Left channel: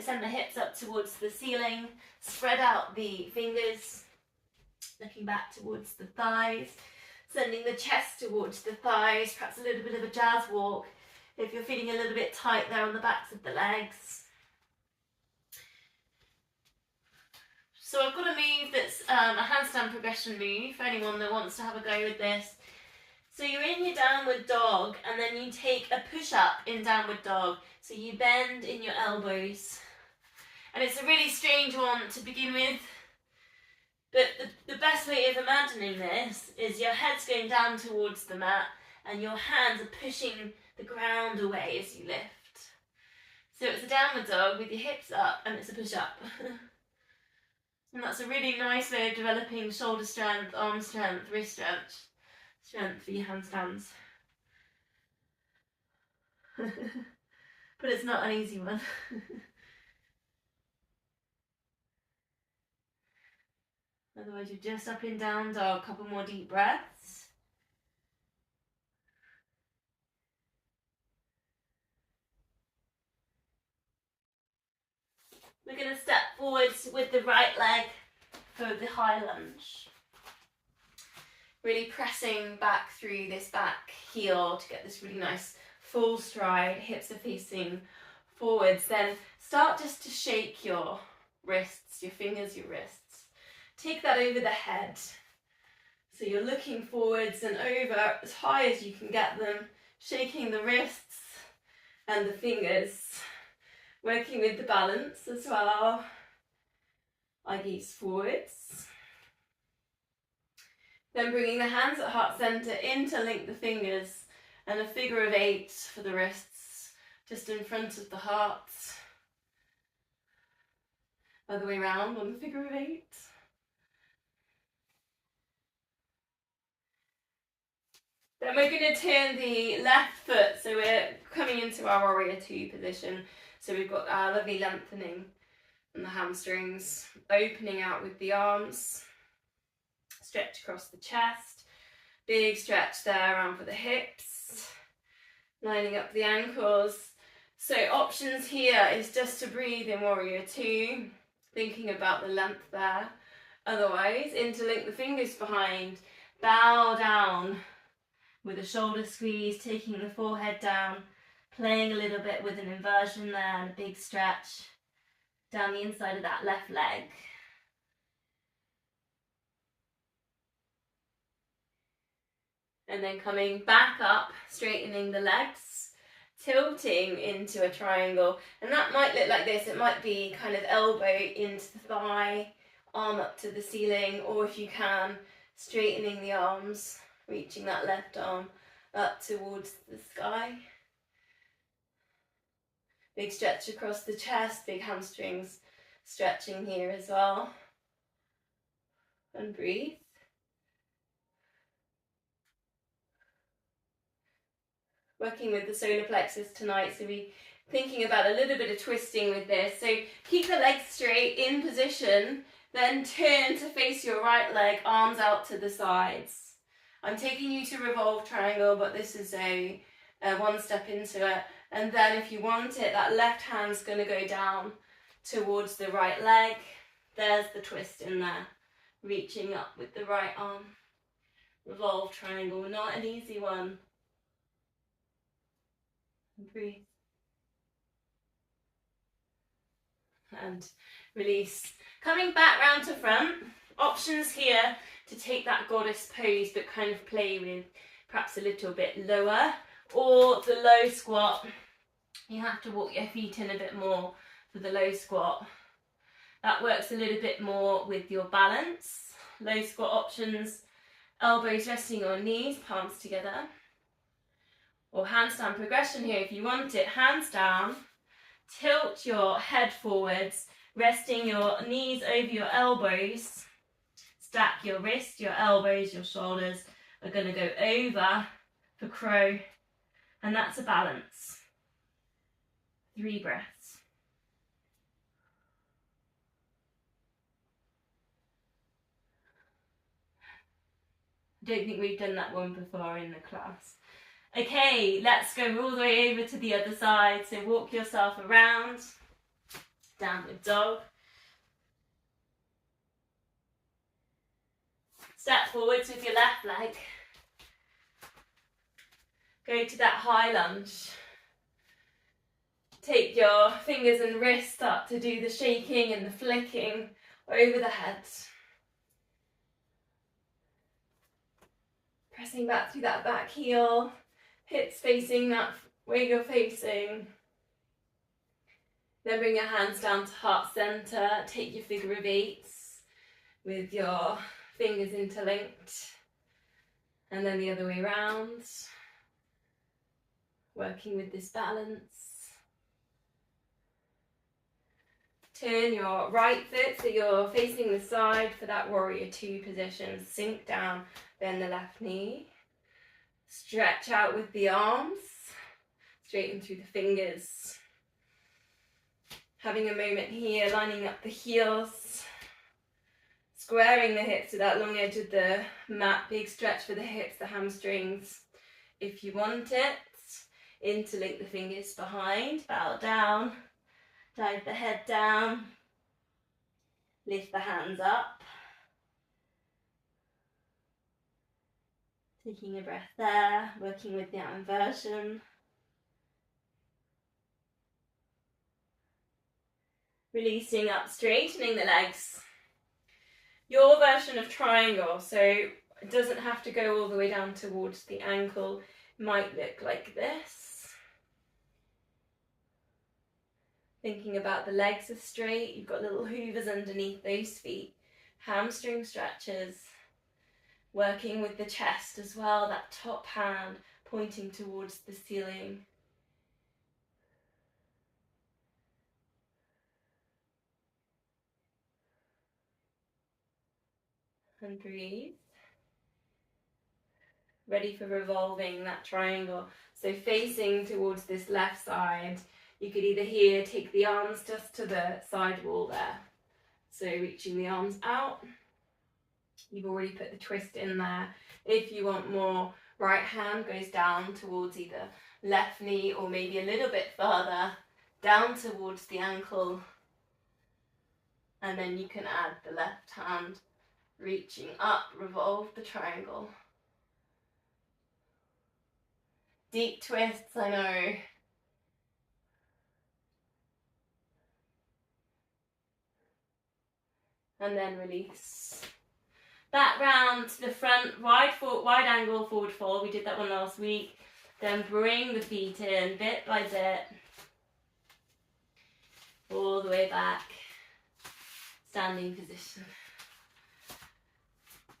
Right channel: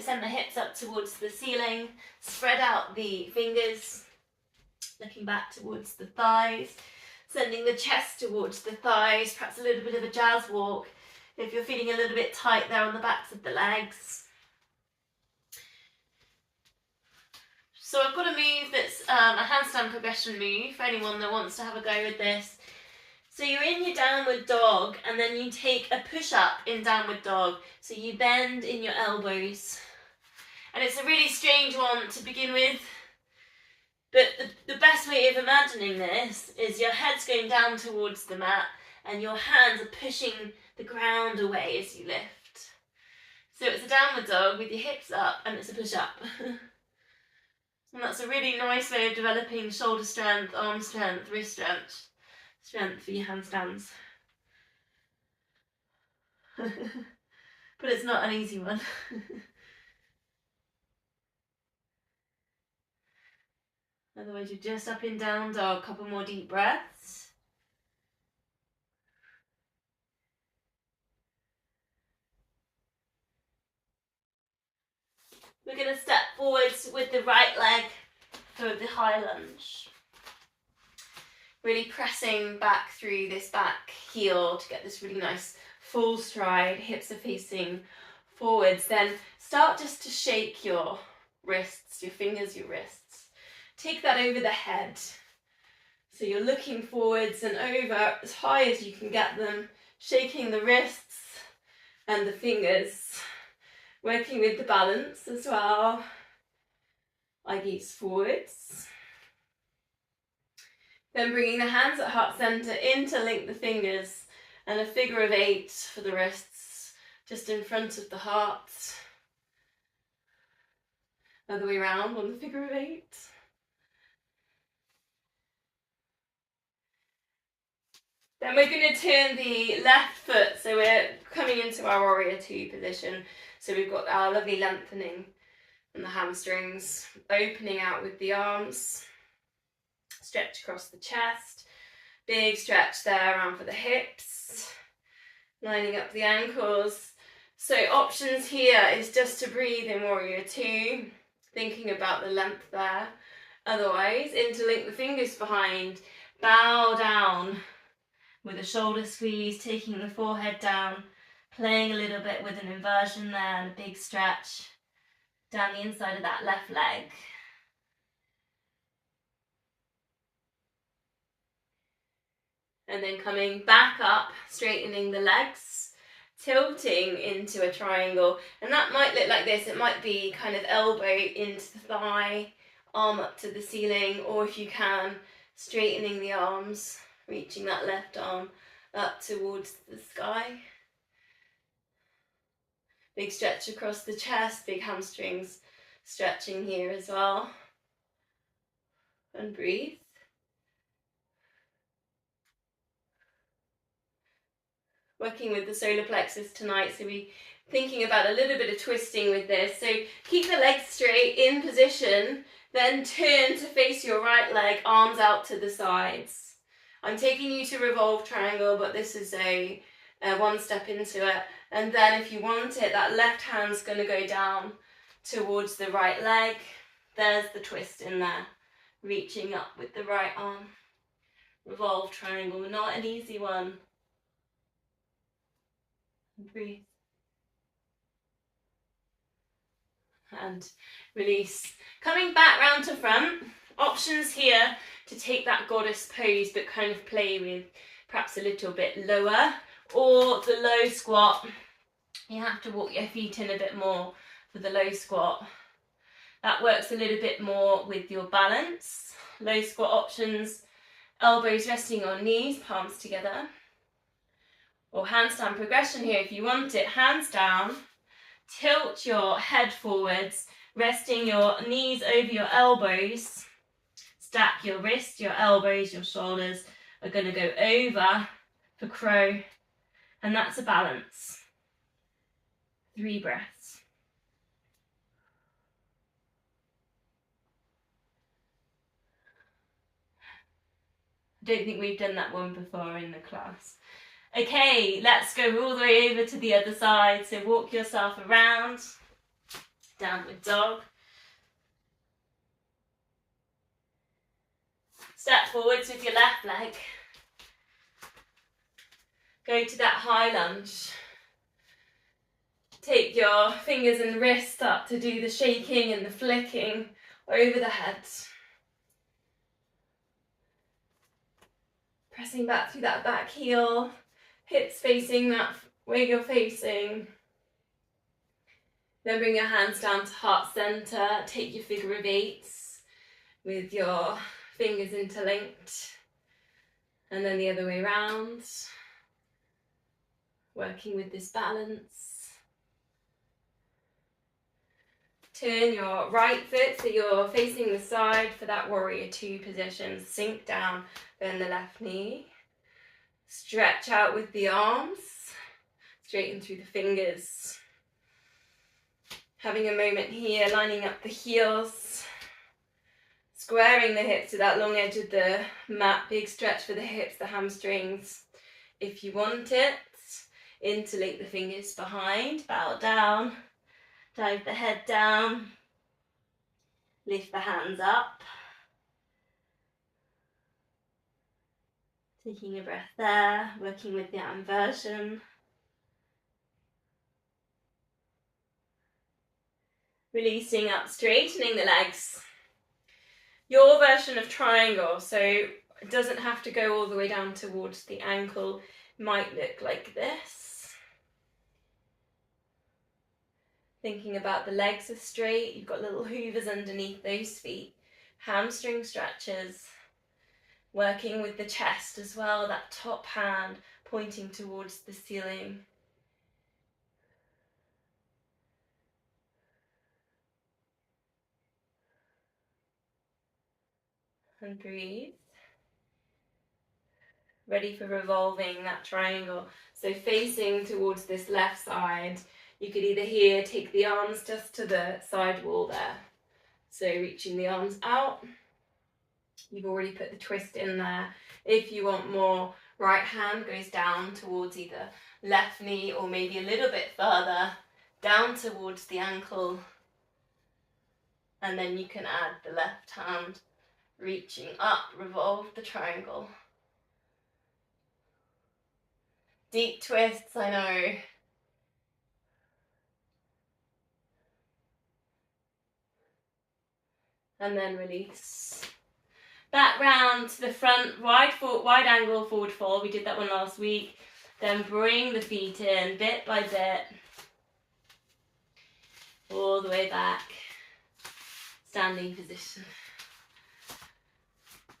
So send the hips up towards the ceiling, spread out the fingers, looking back towards the thighs, sending the chest towards the thighs, perhaps a little bit of a jazz walk if you're feeling a little bit tight there on the backs of the legs. So I've got a move that's a handstand progression move for anyone that wants to have a go with this. So you're in your downward dog and then you take a push up in downward dog. So you bend in your elbows. And it's a really strange one to begin with. But the best way of imagining this is your head's going down towards the mat and your hands are pushing the ground away as you lift. So it's a downward dog with your hips up and it's a push up. And that's a really nice way of developing shoulder strength, arm strength, wrist strength for your handstands. But it's not an easy one. Otherwise you're just up and down dog, couple more deep breaths. We're going to step forwards with the right leg for the high lunge. Really pressing back through this back heel to get this really nice full stride. Hips are facing forwards. Then start just to shake your wrists, your fingers, your wrists. Take that over the head. So you're looking forwards and over as high as you can get them, shaking the wrists and the fingers. Working with the balance as well. I gaze forwards. Then bringing the hands at heart center, interlink the fingers and a figure of 8 for the wrists, just in front of the heart. Other way around on the figure of 8. Then we're going to turn the left foot, so we're coming into our warrior 2 position. So we've got our lovely lengthening and the hamstrings, opening out with the arms, stretch across the chest, big stretch there around for the hips, lining up the ankles. So options here is just to breathe in warrior 2, thinking about the length there. Otherwise, interlink the fingers behind, bow down with a shoulder squeeze, taking the forehead down, playing a little bit with an inversion there and a big stretch down the inside of that left leg. And then coming back up, straightening the legs, tilting into a triangle. And that might look like this. It might be kind of elbow into the thigh, arm up to the ceiling, or if you can, straightening the arms, reaching that left arm up towards the sky. Big stretch across the chest, big hamstrings stretching here as well. And breathe. Working with the solar plexus tonight, so we're thinking about a little bit of twisting with this. So keep the legs straight in position, then turn to face your right leg, arms out to the sides. I'm taking you to revolve triangle, but this is a one step into it. And then if you want it, that left hand's going to go down towards the right leg. There's the twist in there, reaching up with the right arm. Revolve triangle, not an easy one. Breathe. And release. Coming back round to front, options here to take that goddess pose but kind of play with perhaps a little bit lower, or the low squat. You have to walk your feet in a bit more for the low squat. That works a little bit more with your balance. Low squat options, elbows resting on knees, palms together. Or handstand progression here if you want it. Hands down, tilt your head forwards, resting your knees over your elbows. Stack your wrists, your elbows, your shoulders are going to go over for crow. And that's a balance. 3 breaths. I don't think we've done that one before in the class. Okay, let's go all the way over to the other side. So walk yourself around. Downward dog. Step forwards with your left leg. Go to that high lunge. Take your fingers and wrists up to do the shaking and the flicking over the head. Pressing back through that back heel, hips facing that way you're facing. Then bring your hands down to heart center. Take your figure of eights with your fingers interlinked. And then the other way around. Working with this balance. Turn your right foot so you're facing the side for that warrior two position. Sink down, bend the left knee. Stretch out with the arms. Straighten through the fingers. Having a moment here, lining up the heels. Squaring the hips to that long edge of the mat. Big stretch for the hips, the hamstrings. If you want it, interlink the fingers behind. Bow down. Dive the head down. Lift the hands up. Taking a breath there, working with the inversion. Releasing up, straightening the legs. Your version of triangle, so it doesn't have to go all the way down towards the ankle, might look like this. Thinking about the legs are straight, you've got little hoovers underneath those feet, hamstring stretches, working with the chest as well, that top hand pointing towards the ceiling. And breathe. Ready for revolving that triangle. So facing towards this left side, you could either here take the arms just to the side wall there. So reaching the arms out. You've already put the twist in there. If you want more, right hand goes down towards either left knee or maybe a little bit further down towards the ankle. And then you can add the left hand reaching up, revolve the triangle. Deep twists, I know. And then release. Back round to the front, wide angle forward fold. We did that one last week. Then bring the feet in bit by bit. All the way back. Standing position.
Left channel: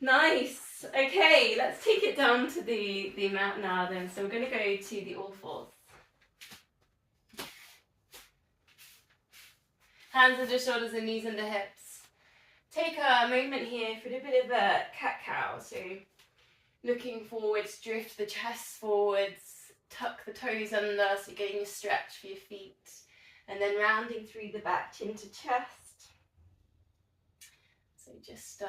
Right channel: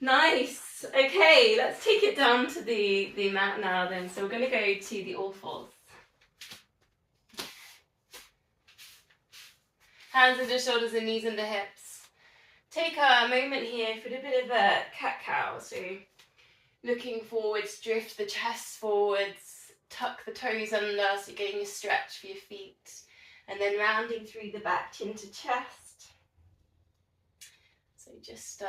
Nice. Okay, let's take it down to the mat now then. So we're going to go to the all fours. Hands under shoulders and knees under hips. Take a moment here for a bit of a cat-cow. So looking forwards, drift the chest forwards, tuck the toes under so you're getting a stretch for your feet. And then rounding through the back, chin to chest. So just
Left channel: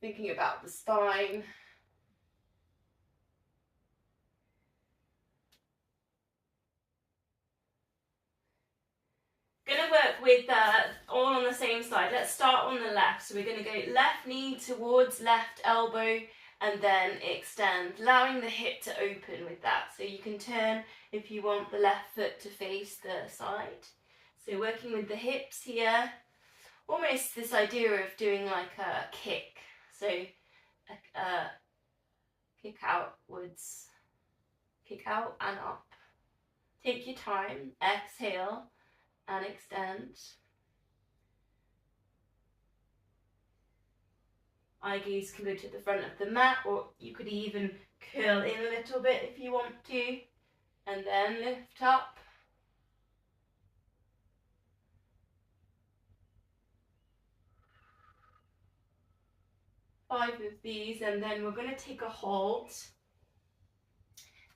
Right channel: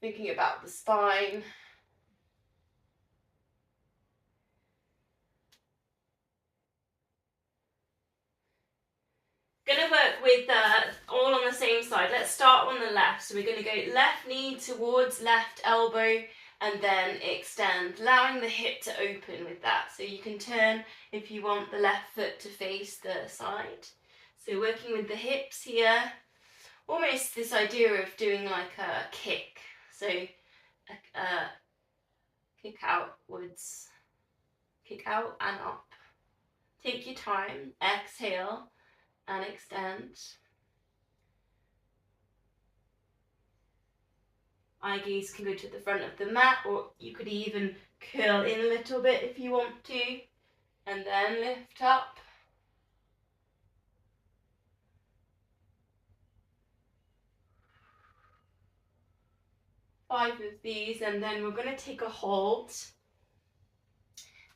thinking about the spine. Going to work with all on the same side. Let's start on the left. So we're going to go left knee towards left elbow and then extend, allowing the hip to open with that. So you can turn if you want the left foot to face the side. So working with the hips here, almost this idea of doing like a kick. So kick outwards, kick out and up. Take your time, exhale and extend. Eye gaze can go to the front of the mat, or you could even curl in a little bit if you want to, and then lift up. Five of these, and then we're going to take a hold.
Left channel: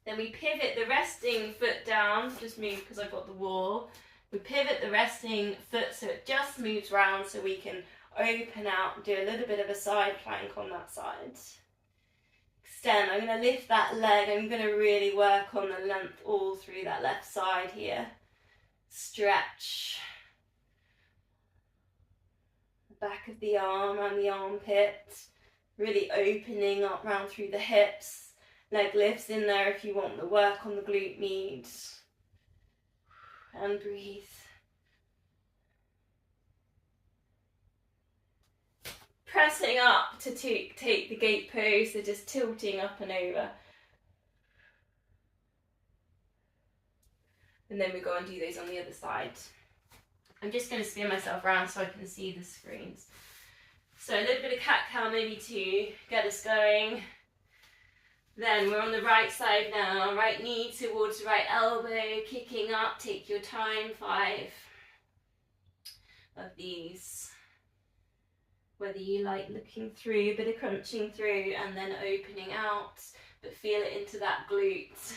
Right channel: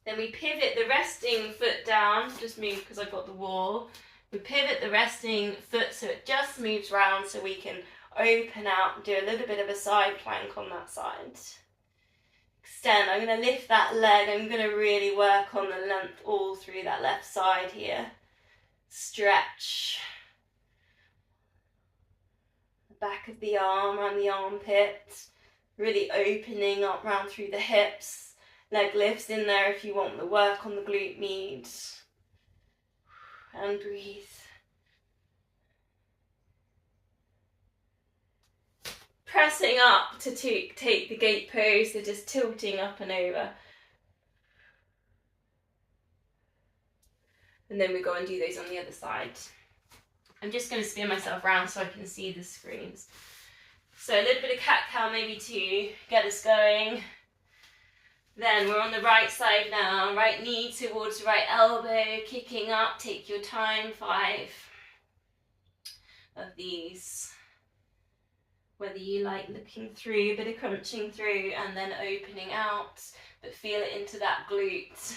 Then we pivot the resting foot down, just move because I've got the wall. We pivot the resting foot so it just moves round so we can open out and do a little bit of a side plank on that side. Extend, I'm going to lift that leg, I'm going to really work on the length all through that left side here. Stretch. back of the arm and the armpit, really opening up round through the hips. Leg lifts in there if you want the work on the glute med. And breathe. Pressing up to take the gate pose, so just tilting up and over. And then we go and do those on the other side. I'm just going to spin myself around so I can see the screens. So a little bit of cat-cow maybe to get us going. Then we're on the right side now. Right knee towards the right elbow, kicking up. Take your time, 5 of these. Whether you like looking through, a bit of crunching through and then opening out, but feel it into that glute.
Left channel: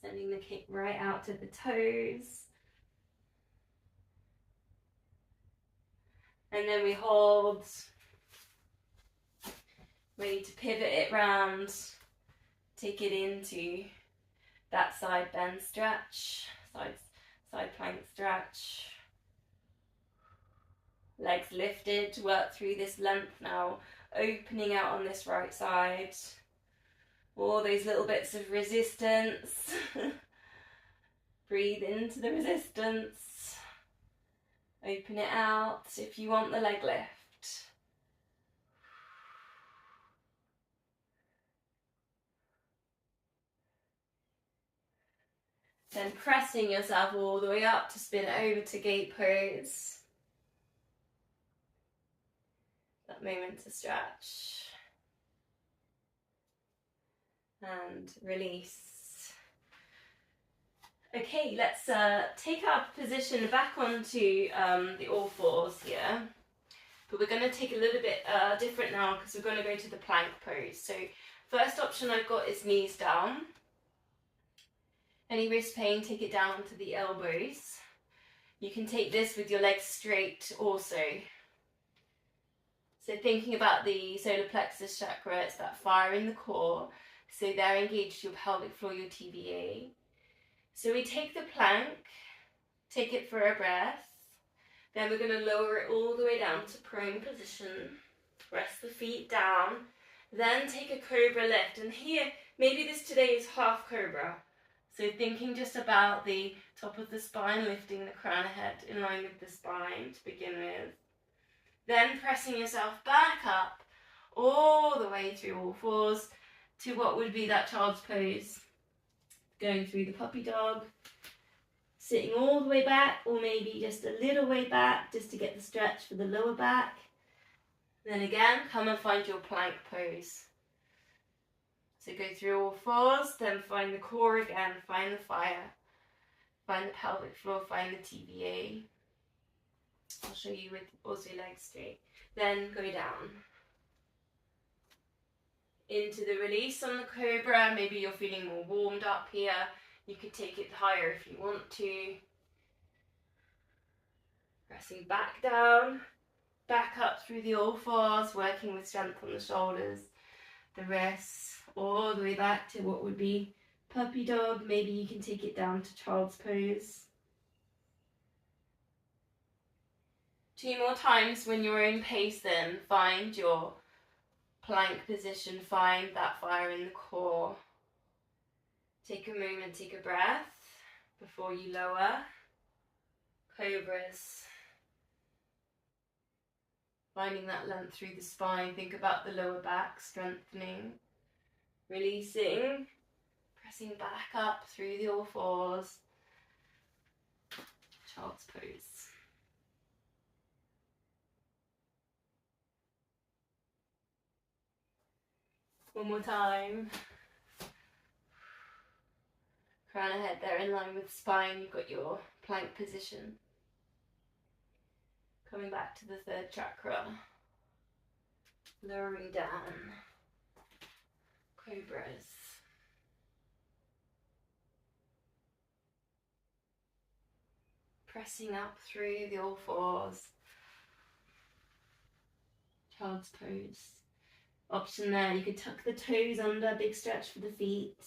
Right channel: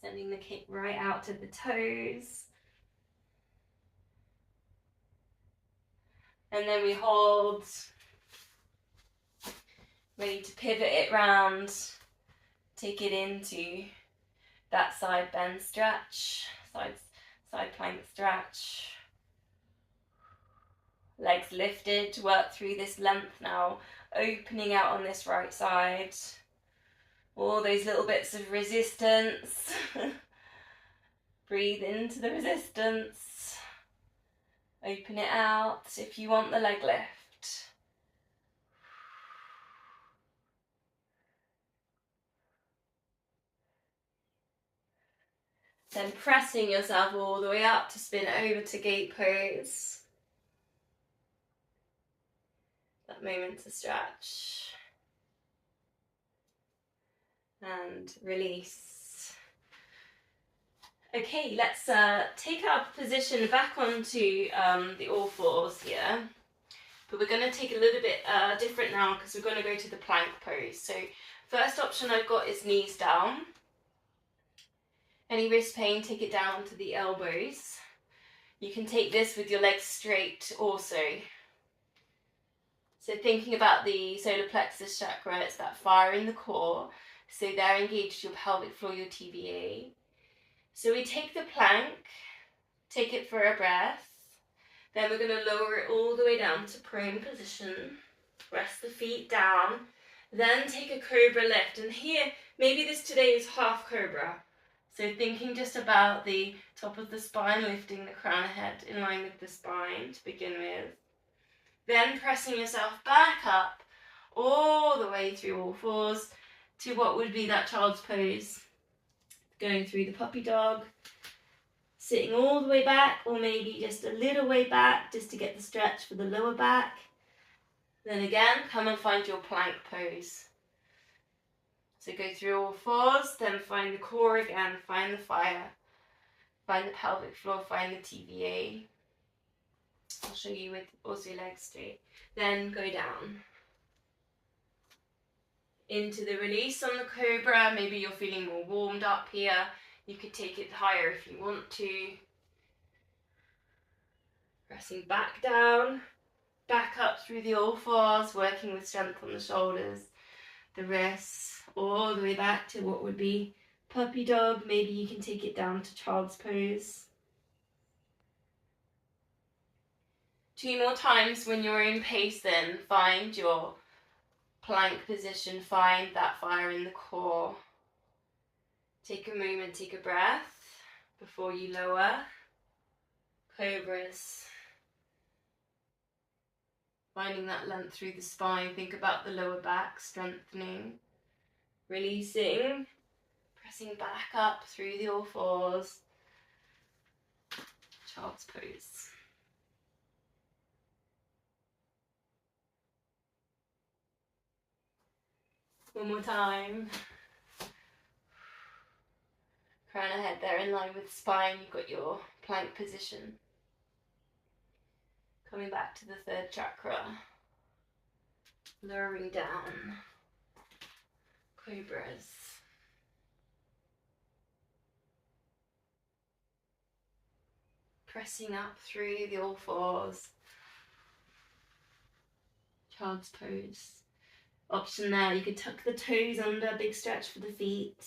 Sending the kick right out to the toes. And then we hold, ready to pivot it round, take it into that side bend stretch, side plank stretch. Legs lifted to work through this length now, opening out on this right side. All those little bits of resistance. Breathe into the resistance. Open it out if you want the leg lift. Then pressing yourself all the way up to spin over to gate pose. That moment to stretch. And release. Okay, let's take our position back onto the all fours here. But we're going to take a little bit different now because we're going to go to the plank pose. So first option I've got is knees down. Any wrist pain, take it down to the elbows. You can take this with your legs straight also. So thinking about the solar plexus chakra, it's that fire in the core. So they're engaged your pelvic floor, your TVA. So we take the plank, take it for a breath. Then we're going to lower it all the way down to prone position. Rest the feet down. Then take a cobra lift. And here, maybe this today is half cobra. So thinking just about the top of the spine, lifting the crown of head in line with the spine to begin with. Then pressing yourself back up all the way through all fours to what would be that child's pose. Going through the puppy dog, sitting all the way back or maybe just a little way back just to get the stretch for the lower back. Then again, come and find your plank pose. So go through all fours, then find the core again, find the fire, find the pelvic floor, find the TVA. I'll show you with also legs straight. Then go down. Into the release on the cobra. Maybe you're feeling more warmed up here. You could take it higher if you want to. Pressing back down, back up through the all fours, working with strength on the shoulders, the wrists, all the way back to what would be puppy dog. Maybe you can take it down to child's pose. 2 more times when you're in pace then. Find your plank position, find that fire in the core. Take a moment, take a breath before you lower. Cobras. Finding that length through the spine. Think about the lower back, strengthening. Releasing. Pressing back up through the all fours. Child's pose. One more time. Crown of head there in line with spine. You've got your plank position. Coming back to the third chakra. Lowering down. Cobras. Pressing up through the all fours. Child's pose. Option there, you could tuck the toes under, big stretch for the feet.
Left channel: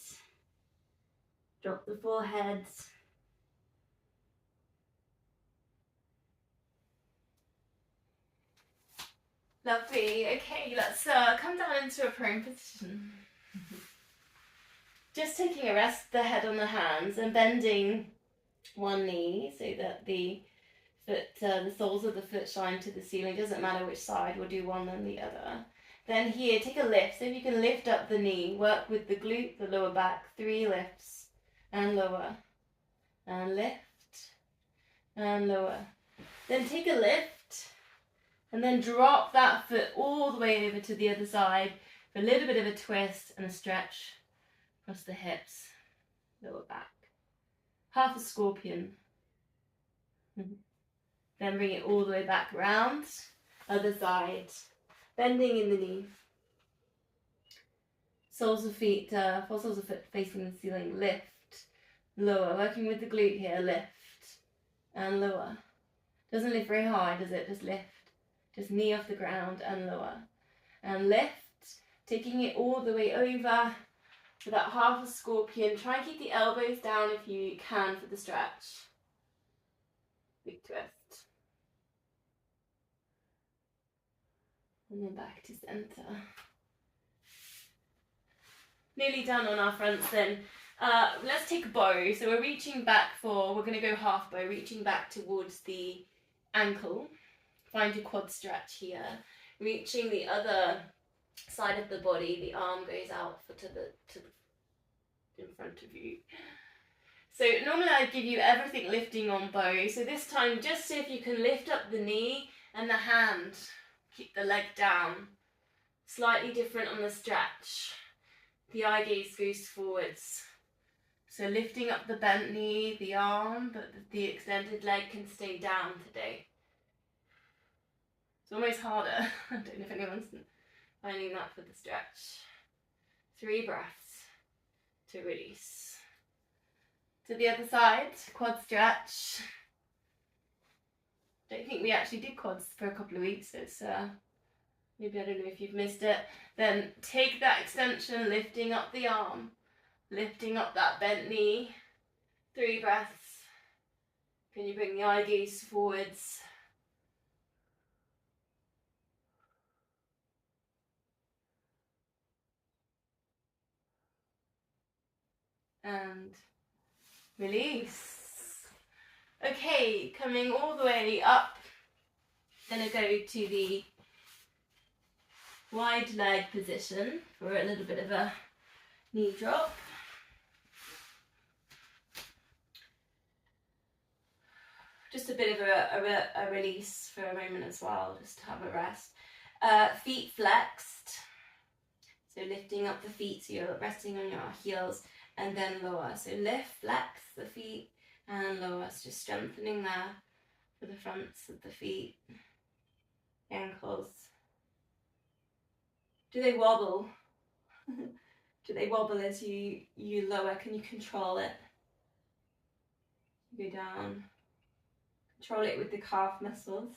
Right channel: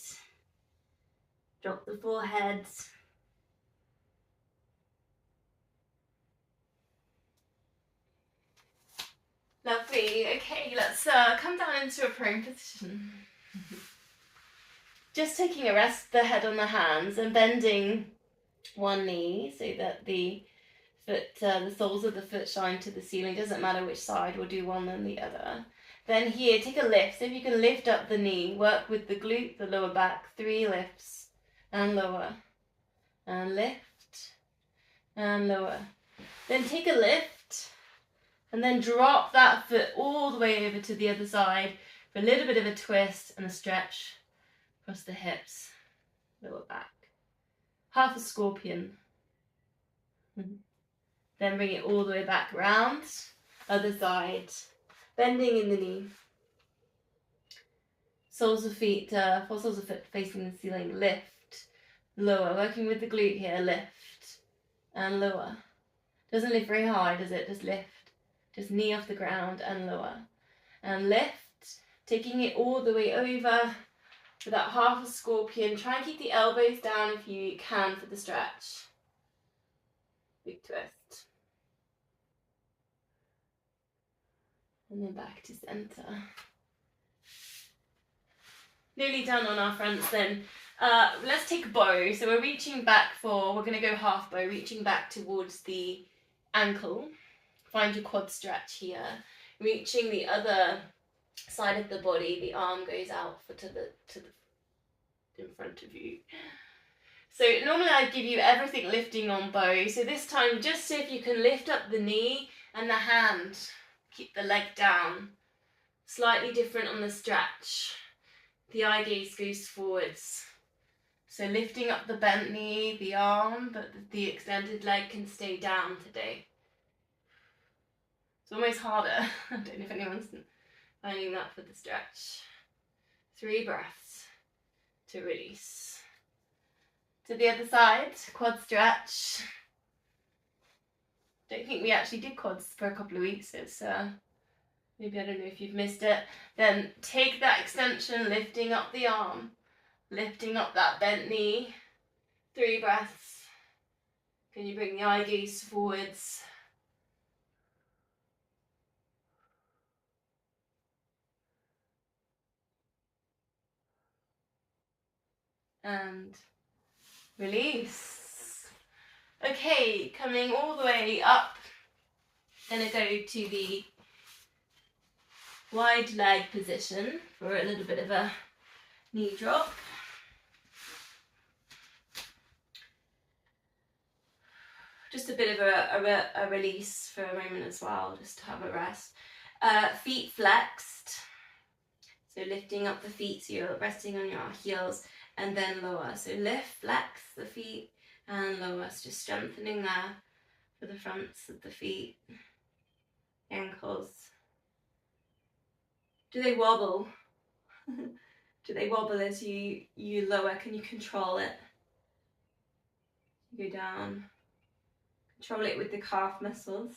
Drop the forehead. Lovely. Okay, let's come down into a prone position. Just taking a rest, the head on the hands and bending one knee so that the foot, the soles of the foot shine to the ceiling. Doesn't matter which side, we'll do one then the other. Then here, take a lift. So if you can lift up the knee, work with the glute, the lower back, 3 lifts and lower. And lift and lower. Then take a lift and then drop that foot all the way over to the other side for a little bit of a twist and a stretch across the hips, lower back. Half a scorpion. Then bring it all the way back round, other side, bending in the knee. Soles of feet, soles of foot facing the ceiling, lift, lower, working with the glute here, lift and lower. Doesn't lift very high, does it? Just lift. Just knee off the ground and lower. And lift, taking it all the way over for that half a scorpion. Try and keep the elbows down if you can for the stretch. Big twist. And then back to center. Nearly done on our fronts then. Let's take a bow. So we're reaching back we're going to go half bow, reaching back towards the ankle. Find your quad stretch here. Reaching the other side of the body, the arm goes out to the in front of you. So normally I give you everything lifting on bow. So this time just see if you can lift up the knee and the hand. Keep the leg down. Slightly different on the stretch. The eye gaze goes forwards. So lifting up the bent knee, the arm, but the extended leg can stay down today. It's almost harder. I don't know if anyone's finding that for the stretch. 3 breaths to release. To the other side, quad stretch. Don't think we actually did quads for a couple of weeks. It's maybe, I don't know if you've missed it. Then take that extension, lifting up the arm, lifting up that bent knee. 3 breaths. Can you bring the eye gaze forwards? And release. Okay, coming all the way up. Gonna go to the wide leg position for a little bit of a knee drop. Just a bit of a release for a moment as well, just to have a rest. Feet flexed. So lifting up the feet, so you're resting on your heels, and then lower. So lift, flex the feet, and lower. So just strengthening there for the fronts of the feet, ankles. Do they wobble? Do they wobble as you lower? Can you control it? Go down. Control it with the calf muscles.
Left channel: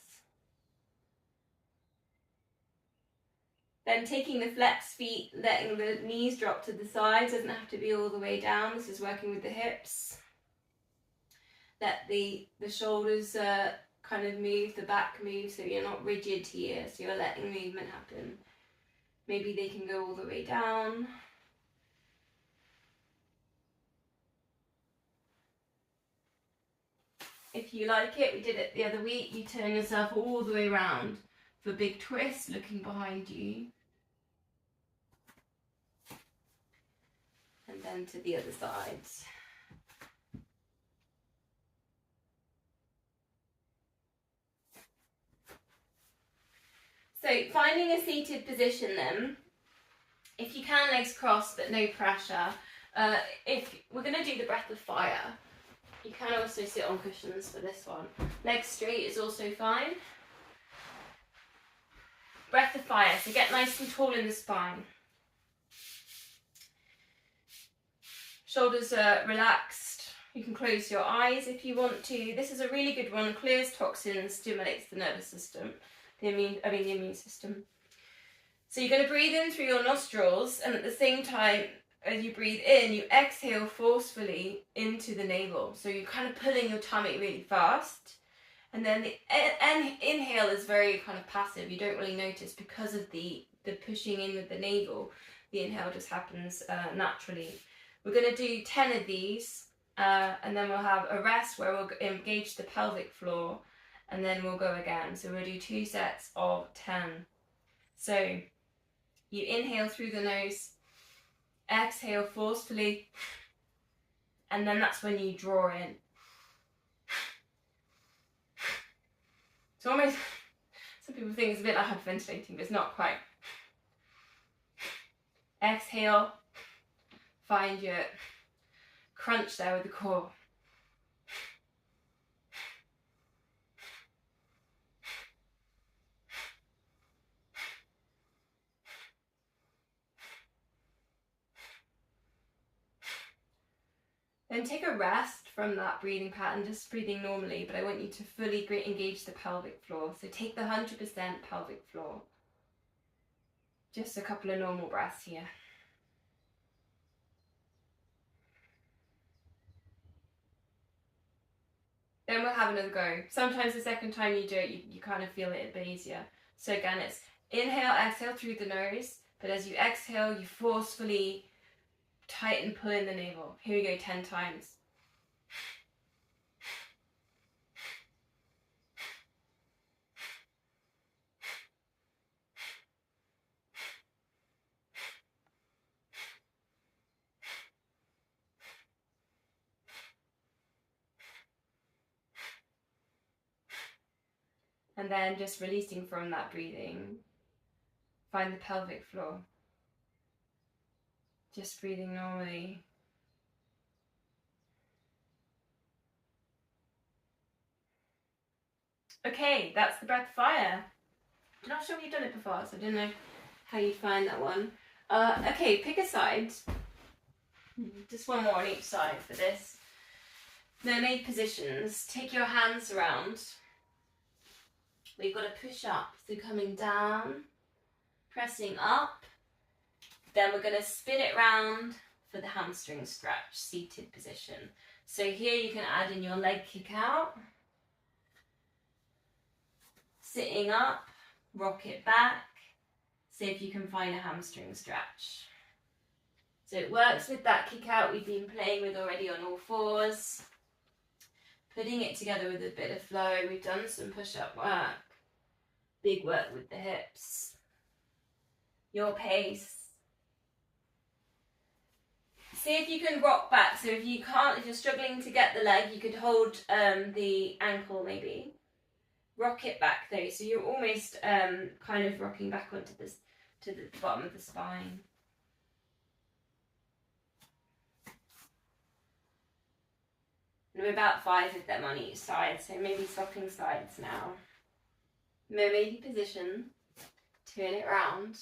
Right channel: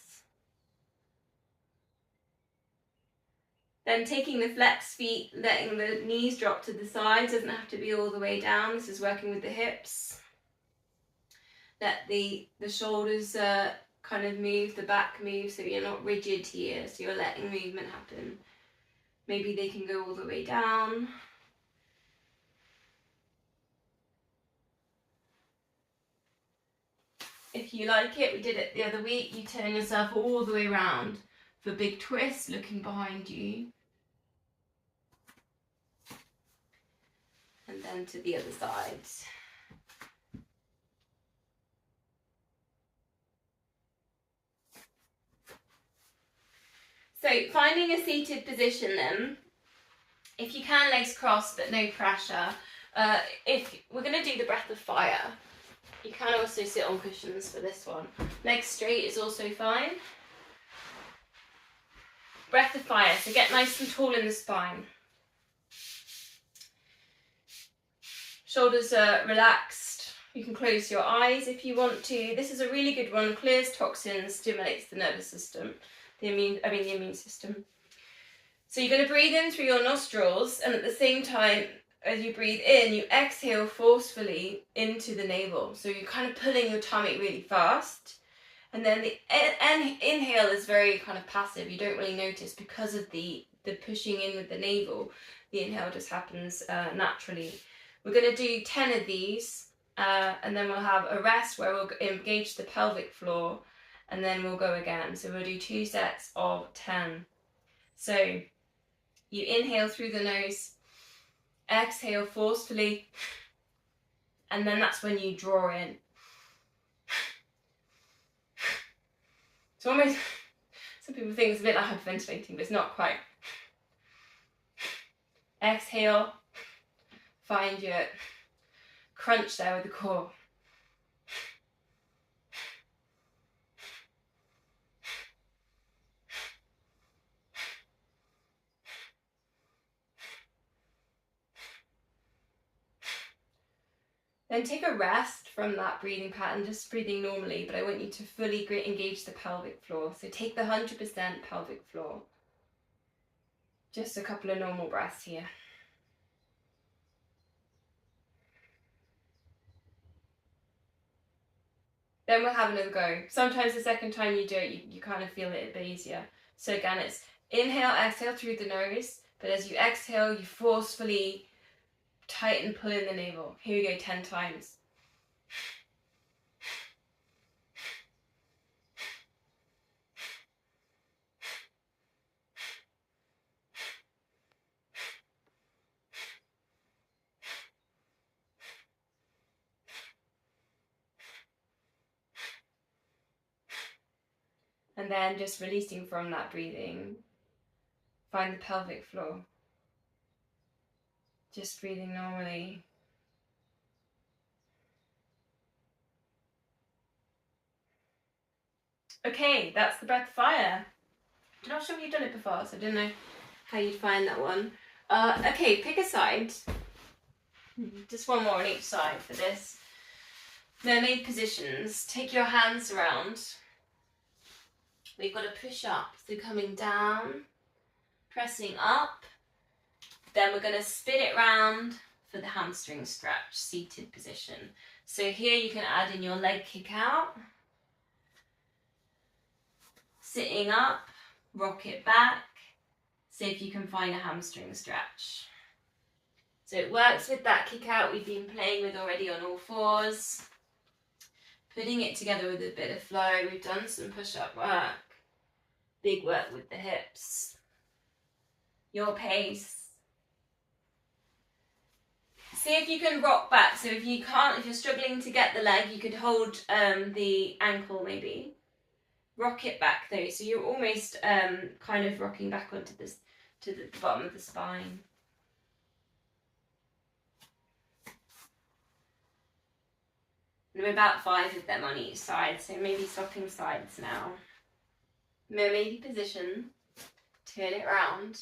Then taking the flexed feet, letting the knees drop to the side. Doesn't have to be all the way down. This is working with the hips. Let the shoulders kind of move, the back move, so you're not rigid here. So you're letting movement happen. Maybe they can go all the way down. If you like it, we did it the other week, you turn yourself all the way around for a big twist, looking behind you. And then to the other side. So finding a seated position then, if you can, legs crossed but no pressure. If we're going to do the breath of fire, you can also sit on cushions for this one. Legs straight is also fine. Breath of fire, so get nice and tall in the spine. Shoulders are relaxed. You can close your eyes if you want to. This is a really good one. Clears toxins, stimulates the nervous system, the immune system. So you're going to breathe in through your nostrils and at the same time as you breathe in, you exhale forcefully into the navel. So you're kind of pulling your tummy really fast. And then the inhale is very kind of passive. You don't really notice because of the pushing in with the navel. The inhale just happens naturally. We're going to do 10 of these, and then we'll have a rest where we'll engage the pelvic floor, and then we'll go again. So we'll do 2 sets of 10. So you inhale through the nose, exhale forcefully, and then that's when you draw in. It's almost, some people think it's a bit like hyperventilating, but it's not quite. Exhale, find your crunch there with the core. Then take a rest from that breathing pattern, just breathing normally, but I want you to fully engage the pelvic floor. So take the 100% pelvic floor. Just a couple of normal breaths here. Then we'll have another go. Sometimes the second time you do it, you kind of feel it a bit easier. So again, it's inhale, exhale through the nose, but as you exhale, you forcefully tighten, pull in the navel. Here we go, 10 times. And then just releasing from that breathing, find the pelvic floor. Just breathing normally. Okay, that's the breath of fire. I'm not sure if you've done it before, so I don't know how you'd find that one. Okay, pick a side. Just one more on each side for this. Mermaid positions. Take your hands around. We've got to push up. So coming down, pressing up. Then we're going to spin it round for the hamstring stretch, seated position. So here you can add in your leg kick out. Sitting up, rock it back. See if you can find a hamstring stretch. So it works with that kick out we've been playing with already on all fours. Putting it together with a bit of flow. We've done some push-up work. Big work with the hips. Your pace. See if you can rock back. So if you can't, if you're struggling to get the leg, you could hold the ankle maybe. Rock it back though. So you're almost kind of rocking back onto this, to the bottom of the spine. And we're about 5 of them on each side, so maybe swapping sides now. Mermaid position, turn it round,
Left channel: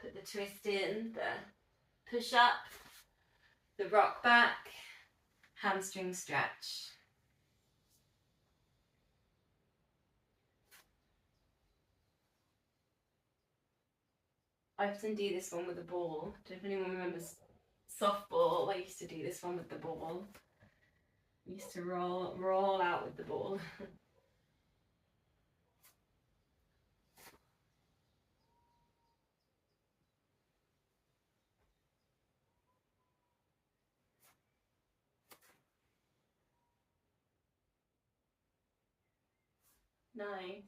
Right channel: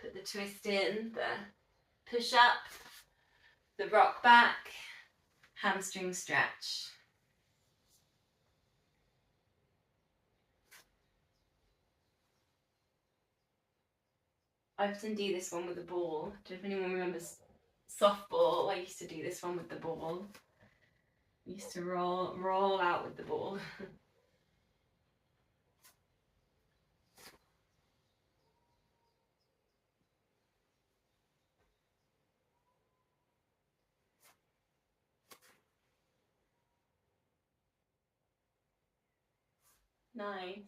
put the twist in, the push up, the rock back, hamstring stretch. I often do this one with a ball. If anyone remembers softball, I used to do this one with the ball. Used to roll out with the ball. Nice.